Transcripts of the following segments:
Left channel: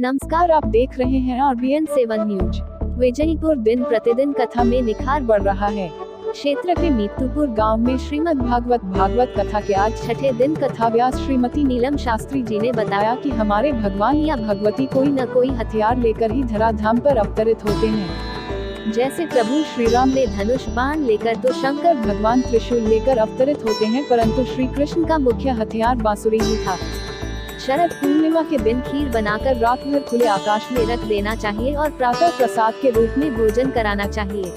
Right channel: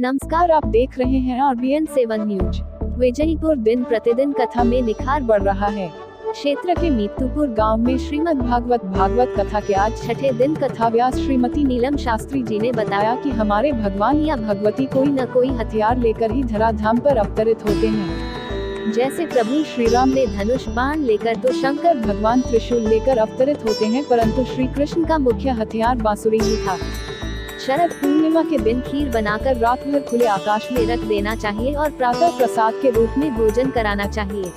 नमस्कार, आप देख रहे हैं RBN7 न्यूज। विजयपुर दिन प्रतिदिन कथा में निखार बढ़ रहा है। क्षेत्र के मीतुपुर गांव में श्रीमद् भागवत कथा के आज छठे दिन कथा व्यास श्रीमती नीलम शास्त्री जी ने बताया कि हमारे भगवान या भगवती कोई न कोई हथियार लेकर ही धराधाम पर अवतरित होते हैं। जैसे प्रभु श्री राम ने धनुष बाण लेकर तो शंकर भगवान त्रिशूल लेकर अवतरित होते हैं, परंतु श्री कृष्ण का मुख्य हथियार बांसुरी ही था। शरद पूर्णिमा के दिन खीर बनाकर रात भर खुले आकाश में रख देना चाहिए और प्रातः प्रसाद के रूप में भोजन कराना चाहिए।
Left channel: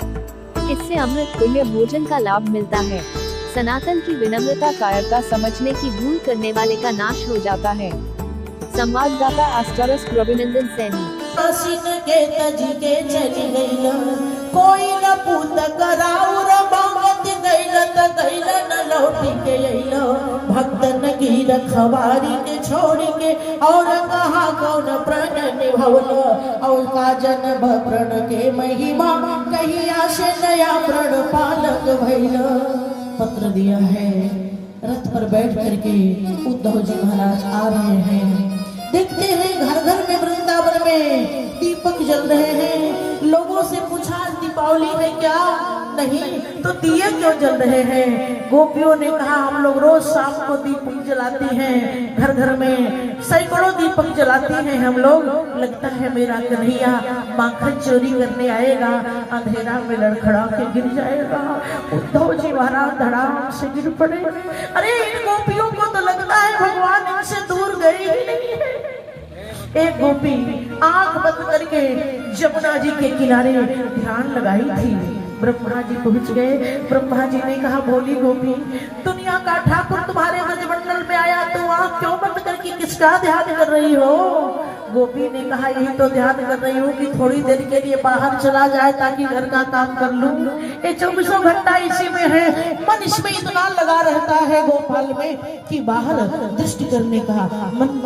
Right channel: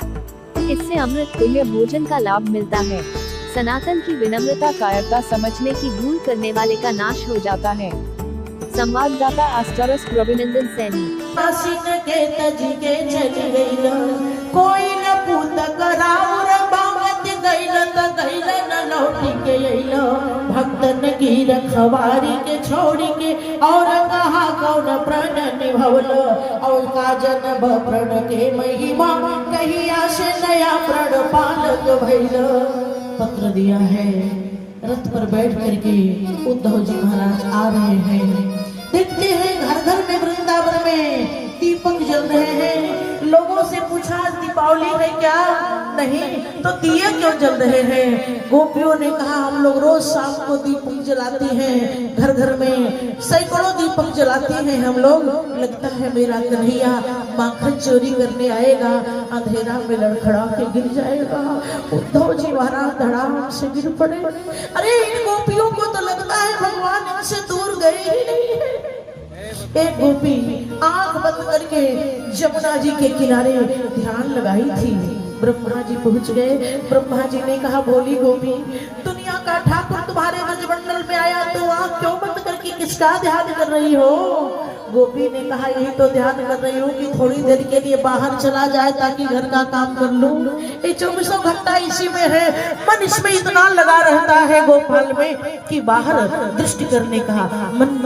इससे अमृत तुल्य भोजन का लाभ मिलता है। सनातन की विनम्रता, कायरता, समझने की भूल करने वाले का नाश हो जाता है। संवाददाता आस्टरस रविनंदन सैनी। भक्तन की रखवारी के छोड़ी के और कहा कौन प्रण निभवल और काजन प्रण के महिमा कहीं आशे नया प्रण पालक भैल। पत्र दिया है, रथ पर बैठ करके उद्धव जी महाराज आ रहे हैं। देखते हैं घर घर में वृंदावन में दीपक जल रहे हैं। लोगों से पूछा दीपावली है क्या? नहीं तो दिए क्यों जल रहे हैं? गोपियों ने कहा हम लोग रोज शाम को दीपक जलाती हैं, घर घर में सैकड़ों दीपक जलाती हैं हम लोग। लगता है मेरा कन्हैया माखन चोरी करने आएगा, अंधेरा में लड़खड़ा के गिर जाएगा। उद्धव जी महाराज धड़ाम से गिर पड़े। अरे इन गोपियों को तो लगता है भगवान इनसे दूर गए ही नहीं है। एक गोपी आंख बंद करके जमुना जी के किनारे ध्यान लगाई थी। ब्रह्मा जी पहुंच गए। ब्रह्मा जी ने कहा बोली गोपी, दुनिया का ठाकुर तुम्हारे ब्रजमंडल में आया तो आंख क्यों बंद करके किसका ध्यान कर रही हो? गोपी ने कहा यही तो ध्यान कर रही हूँ कि थोड़ी देर के लिए बाहर चला जाए ताकि घर का काम कर लूं। ये 24 घंटा इसी में है, मन इसमें इतना लगा रहता है गोपाल में कि बाहर दृष्टि करने का मन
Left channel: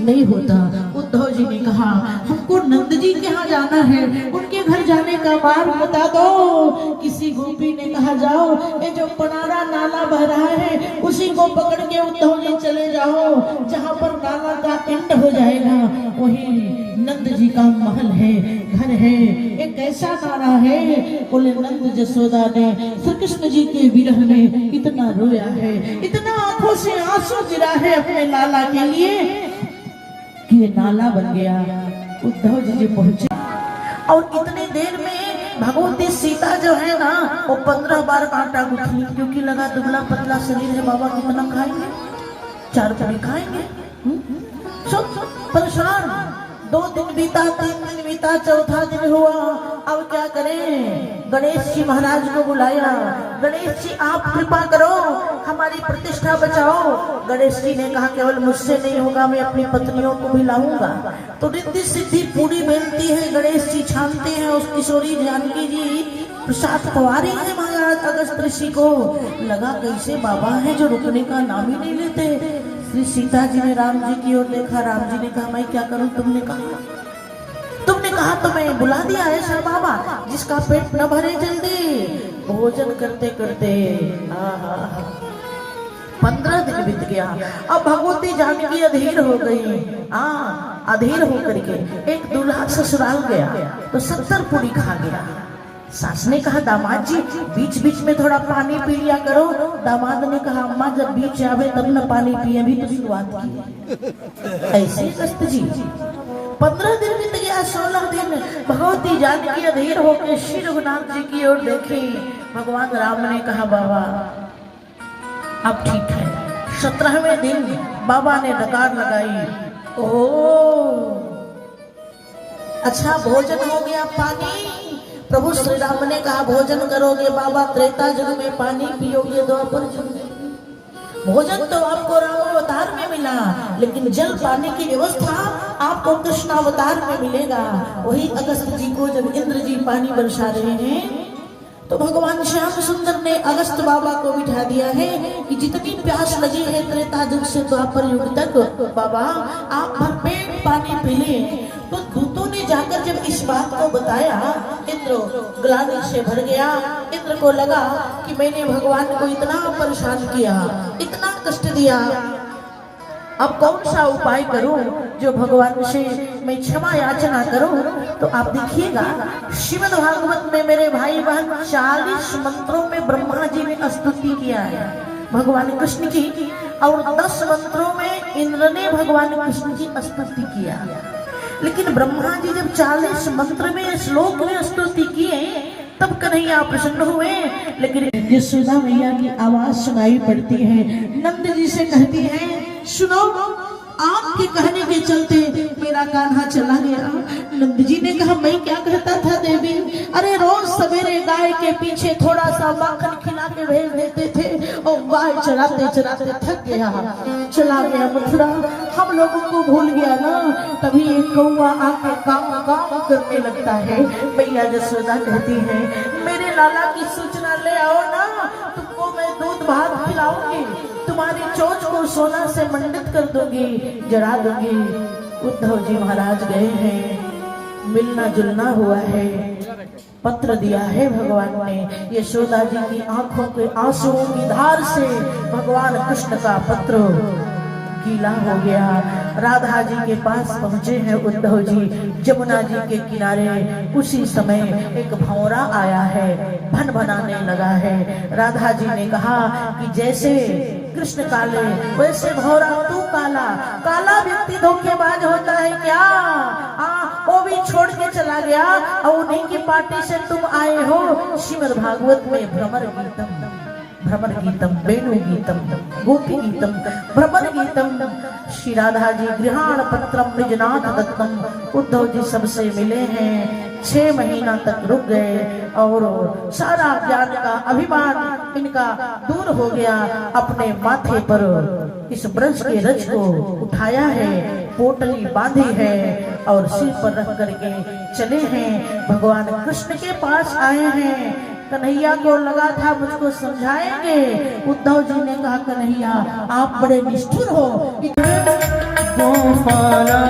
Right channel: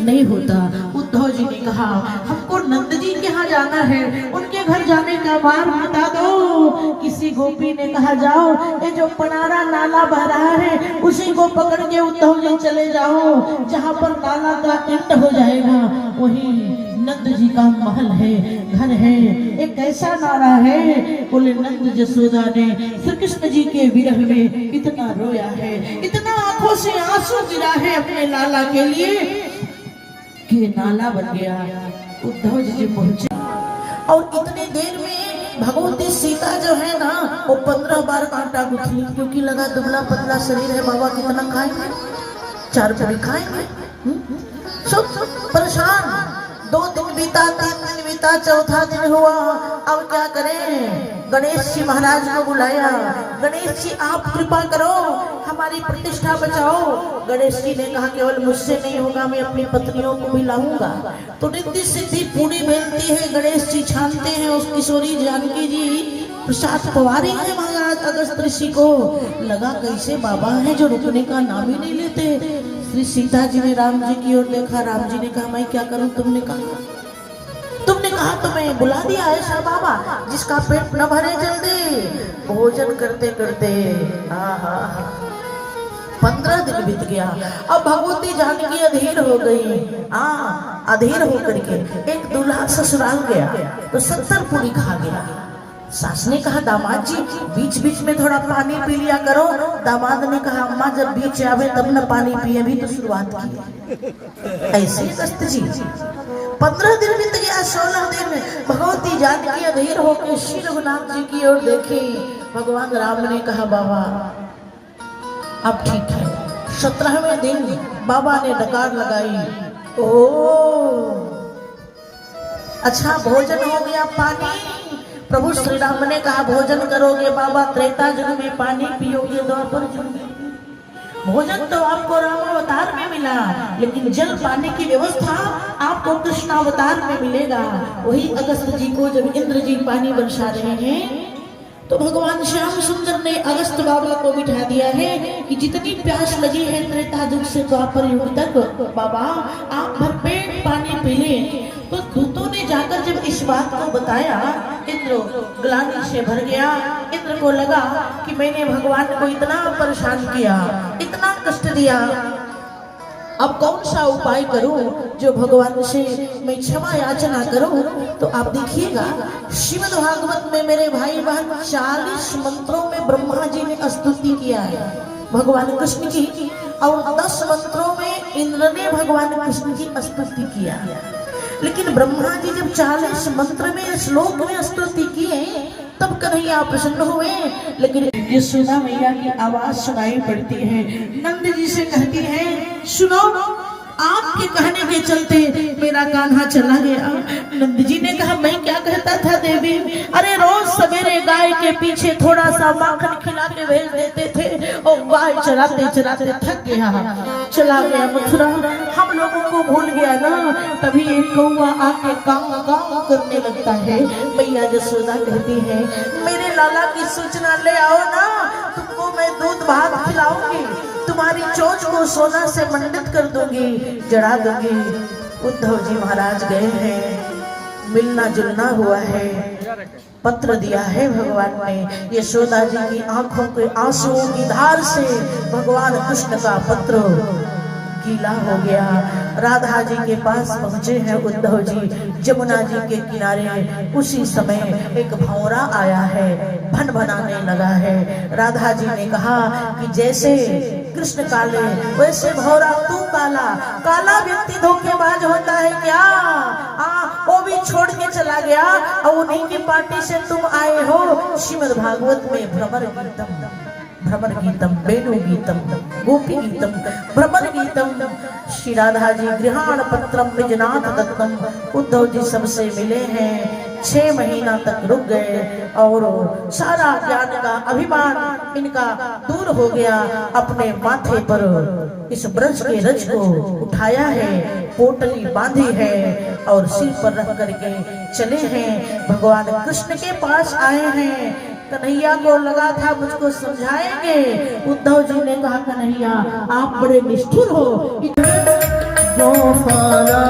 नहीं होता। उद्धव जी ने कहा हमको नंद जी के यहाँ जाना है, उनके घर जाने का मार्ग बता दो। किसी गोपी ने कहा जाओ, ये जो पनारा नाला बह रहा है उसी को पकड़ के उद्धव जी चले जाओ। जहाँ पर नाला का एंड हो जाएगा वही नंद जी का महल है, घर है। एक ऐसा नारा है, बोले नंद जसोदा ने श्री कृष्ण जी के विरह में इतना रोया है, इतना आंखों से आंसू गिरा है अपने लाला के लिए कि नाला बन गया। उद्धव जी पहुंचे और इतनी देर में भगवती सीता जो है ना वो 15 बार कांटा गुथी, क्योंकि लगा दुबला पतला शरीर है, बाबा कितना खाएंगे? 4 पूरी खाएंगे। सब परेशान। 2 दिन बीता, 3 दिन बीता, चौथा दिन हुआ। अब क्या करें? गणेश जी महाराज को बुलाया। गणेश जी आप कृपा करो, हमारी प्रतिष्ठा बचाओ। गणेश जी ने कहा केवल मुझसे नहीं होगा, मैं अपनी पत्नियों को भी लाऊंगा। तो रिद्धि सिद्धि पूरी बनती है। गणेश जी छानते हैं उस किशोरी जानकी जी प्रसाद कुंवारी है महाराज अगस्त ऋषि को। लगा कैसे बाबा है जो रुकने का नाम ही नहीं लेते। श्री सीता जी ने राम जी की ओर देखा। राम जी ने कहा मैं क्या करूं? तुमने कहा तो मैं बुला दिया ऐसा बाबा जिसका पेट न भरे जल्दी। भोजन करते करते 15 दिन बीत गया। अब भगवती जानकी अधीर हो गई। अधीर होकर के एक दूल्हा ससुराल गया तो 70 पूरी खा गया। सास ने कहा दामाद जी बीच बीच में थोड़ा पानी पी लिया करो। दामाद ने कहा अम्मा जब बीच आवे तब न पानी पिए, भी तो शुरुआत की। ऐसे दस्त जी 15 दिन बीत गया। 16 दिन भगवती जानकी अधीर होकर श्री रघुनाथ जी की ओर देखी। भगवान राम ने कहा बाबा अब ठीक है। 17वें दिन बाबा ने डकार लगाई। ओ अच्छा भोजन हो गया, पानी। प्रभु श्री राम ने कहा भोजन करोगे बाबा त्रेता युग में, पानी पियोगे द्वापर युग में। भोजन तो आपको राम अवतार में मिला, लेकिन जल पाने की व्यवस्था आपको कृष्ण अवतार में मिलेगा। वही अगस्त जी को जब इंद्र जी पानी बरसा रहे हैं तो भगवान श्याम सुंदर ने अगस्त बाबा को बिठा दिया है कि जितनी प्यास लगी है त्रेता युग से द्वापर युग तक बाबा आप भरपेट पानी पी लें। तो दूतों ने जाकर जब इस बात को बताया, इंद्र ग्लानि से भर गया। इंद्र को लगा कि मैंने भगवान को इतना परेशान किया, इतना कष्ट दिया, अब कौन सा उपाय करूं जो भगवान से मैं क्षमा याचना करूं? तो आप देखिएगा श्रीमद् भागवत में मेरे भाई बहन 40 मंत्रों में ब्रह्मा जी ने स्तुति किया है भगवान कृष्ण की, और 10 मंत्रों में इंद्र ने भगवान कृष्ण की स्तुति किया। लेकिन ब्रह्मा जी जब 40 मंत्र में श्लोक में स्तुति किए तब कन्हैया प्रसन्न हुए। लेकिन यशोदा मैया की आवाज सुनाई पड़ती है, नंद जी से कहती है सुनो, आपके कहने के चलते मेरा कान्हा चला गया। नंद जी ने कहा मैं क्या कहता था देवी, अरे रोज सवेरे गाय के पीछे थोड़ा सा माखन खिला के भेज देते थे और गाय चराते चराते थक गया, चला गया मथुरा, हम लोगों को भूल गया ना। तभी एक कौवा आके गाँव गाँव करने लगता है। मैया यशोदा कहती है मेरे लाला की सूचना ले आओ ना, तुमको मैं दूध भात खिलाऊंगी, तुम्हारी चोंच को सोना से मंडित कर दूंगी, जड़ा दूंगी। उद्धव जी महाराज गए हैं, मिलना जुलना हुआ है, पत्र दिया है भगवान ने। यशोदा जी की आंखों के आंसुओं की धार से भगवान कृष्ण का पत्र गीला हो गया। राधा जी के पास पहुंचे हैं उद्धव जी, जमुना जी के किनारे। उसी समय एक भंवरा आया है, भन भनाने लगा है। राधा जी ने कहा कि जैसे कृष्ण काले वैसे भंवरा तू काला। काला व्यक्ति धोखेबाज होता है क्या? वो भी छोड़ के चला गया और उन्हीं की पार्टी से तुम आए हो। श्रीमद् भागवत में भ्रमर गीतम, वेणु गीतम, गोपी गीतम, भ्रमर गीतम। श्री राधा जी गृहाण पत्रम निजनाथ दत्तम। उद्धव जी सबसे मिले हैं, 6 महीना तक रुक गए और सारा ज्ञान का अभिमान इनका दूर हो गया। अपने माथे पर इस ब्रज के रज को उठाया है, पोटली बांधी है और सिर पर रख करके चले हैं। भगवान कृष्ण के पास आए हैं। कन्हैया को लगा था मुझको समझाएंगे। उद्धव जी ने कहा कन्हैया आप बड़े निष्ठुर हो। गोपाला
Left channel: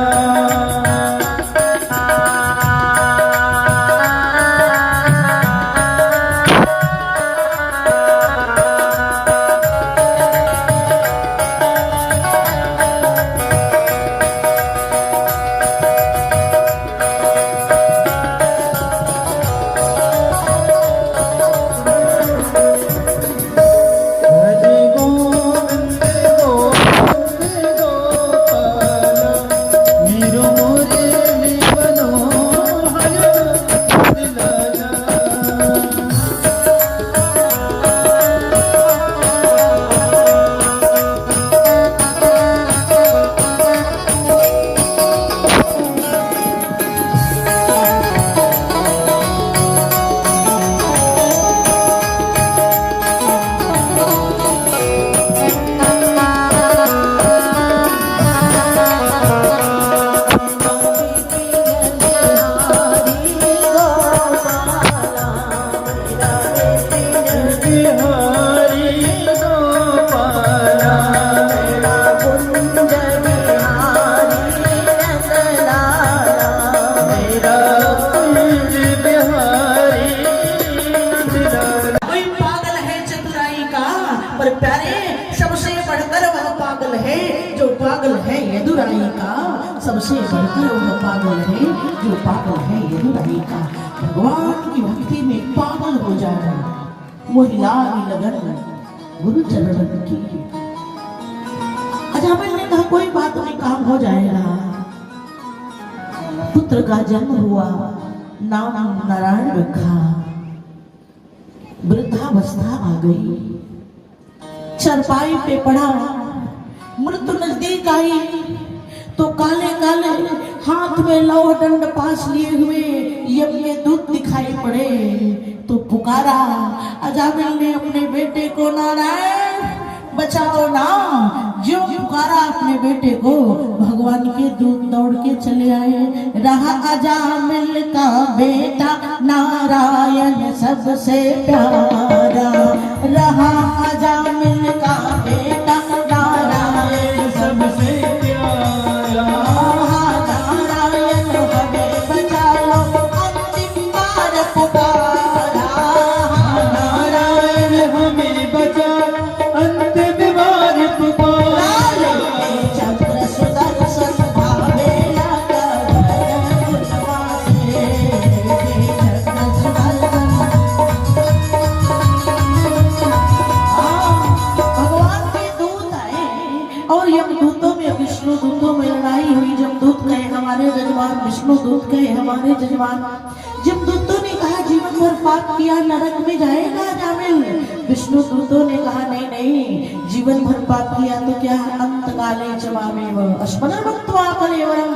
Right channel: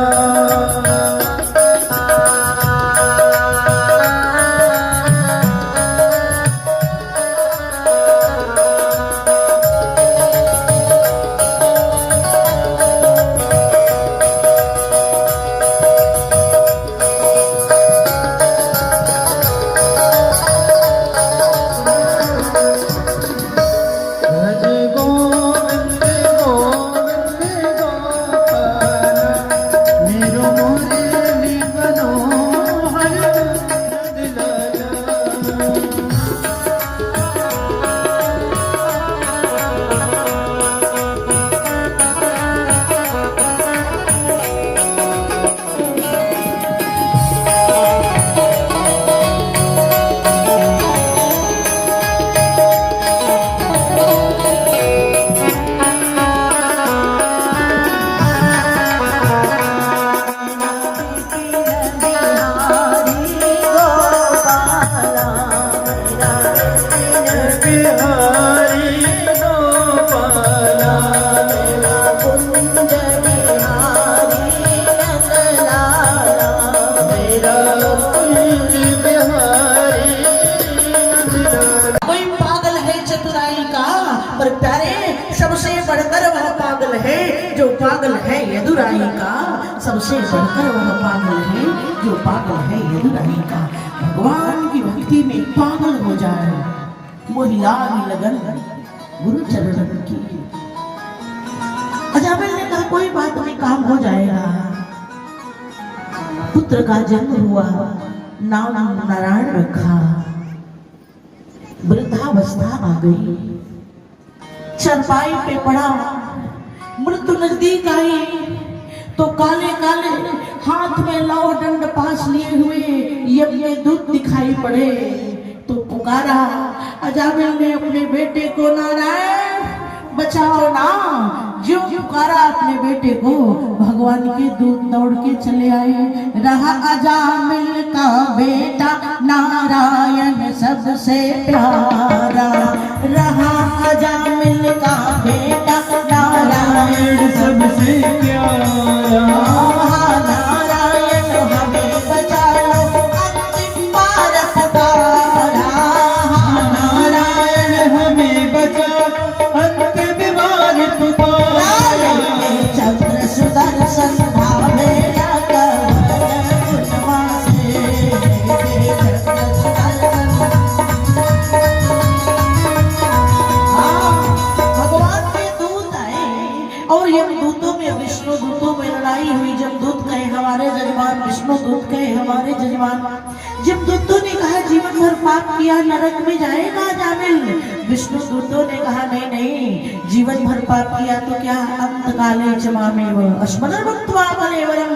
सबसे बढ़कर वह पागल है जो पागल है यदुरानी का। भगवान की भक्ति में पागल हो जाए, मोहिला लगन गुरु चरण की। अजामिल ने कहा कोई बात नहीं, काम हो जाएगा। पुत्र का जन्म हुआ, नाम नारायण रखा। वृद्धावस्था आ गई, चरपाई पे पड़ा, मृत्यु नजदीक आई तो काले काले हाथ में लौ दंड पास लिए हुए यज्ञ दूत दिखाई पड़े। तो पुकारा अजामिल ने अपने बेटे को, नारायण बचाओ ना। जो पुकारा अपने बेटे को, भगवान के दूत दौड़ के चले आए। रहा अजामिल का बेटा नारायण सबसे प्यारा। रहा अजामिल का बेटा नारायण सबसे प्यारा। नारायण हमें बचा लो, अंतिम बार पुकारा। नारायण हमें बचा, अंतिम बार पुकारा। पाप किया नरक में जाएगा जामिल। विष्णु दूतों ने कहा नहीं नहीं, जीवन भर पाप किया तो क्या, अंत काले च मामेव स्मरण मुक्त्वा कलेवरम,